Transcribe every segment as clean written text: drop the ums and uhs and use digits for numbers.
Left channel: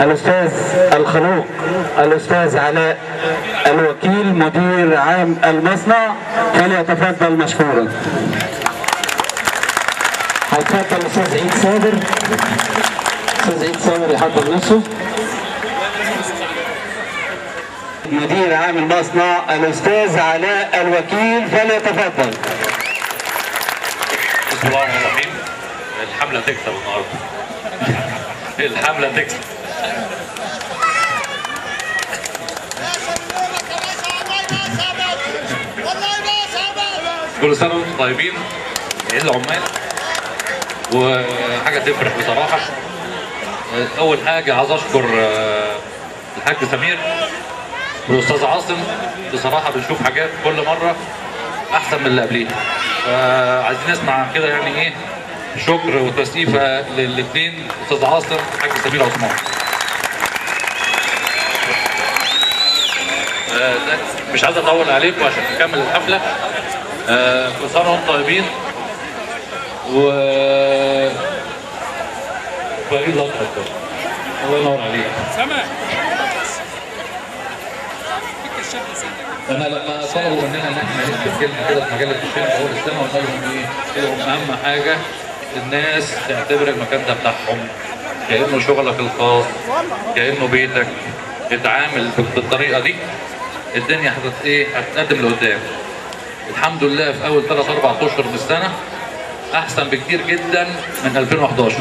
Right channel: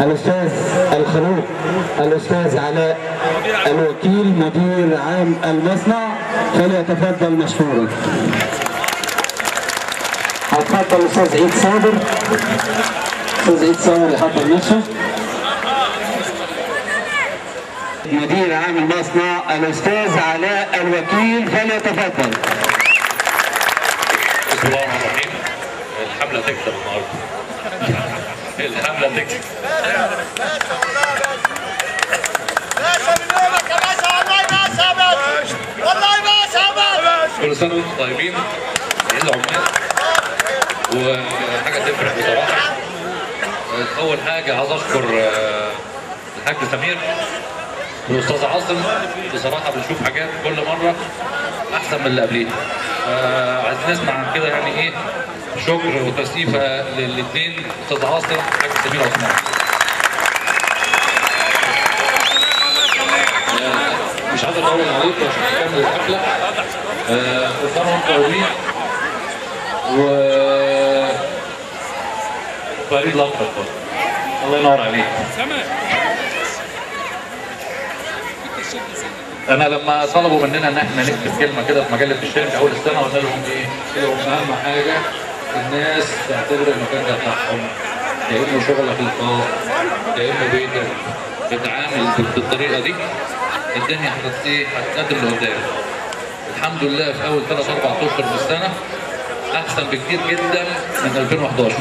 الأستاذ الخلوق الأستاذ علاء الوكيل مدير عام المصنع فليتفضل مشكورا. هيتفضل الأستاذ عيد صابر. الأستاذ عيد صابر يحضر نفسه. مدير عام المصنع الأستاذ علاء الوكيل فليتفضل. بسم الله الرحمن الرحيم. الحملة تكسب النهارده. الحملة تكسب. كل سنة وانتم طيبين. عيد العمال وحاجة تفرح بصراحة. أول حاجة عايز أشكر الحاج سمير والأستاذ عاصم. بصراحة بنشوف حاجات كل مرة أحسن من اللي قبليها. عايزين نسمع عن كده يعني إيه شكر وتسقيفة للاثنين أستاذ عاصم والحاج سمير عثمان. مش عايز أطول عليكم عشان نكمل الحفلة. كل سنة وانتم طيبين فريد الأطفال. الله ينور عليك. انا لما طلبوا مننا ان احنا نكتب كلمه كده في مجله الشام في اول السنه قلنا لهم ايه؟ قلت لهم اهم حاجه الناس تعتبر المكان ده بتاعهم كانه شغلك الخاص كانه بيتك. اتعامل بالطريقه دي الدنيا هتتقدم لقدام. الحمد لله في اول 3-4 اشهر من السنه احسن بكتير جدا من 2011.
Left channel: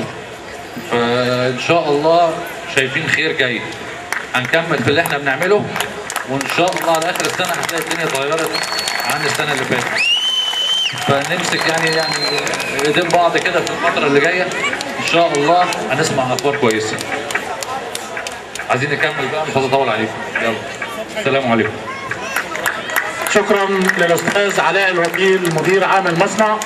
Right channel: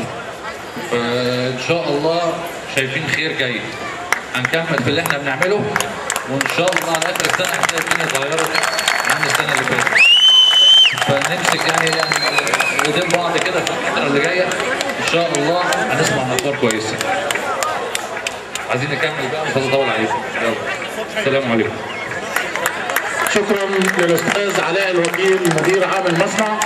فان شاء الله شايفين خير جاي. هنكمل في اللي احنا بنعمله وان شاء الله على اخر السنه هتلاقي الدنيا اتغيرت عن السنه اللي فاتت. فنمسك يعني ايدين بعض كده في الفتره اللي جايه ان شاء الله هنسمع اخبار كويسه. عايزين نكمل بقى مش عايز اطول عليكم. يلا السلام عليكم. شكرا للاستاذ علاء الوكيل مدير عام المصنع.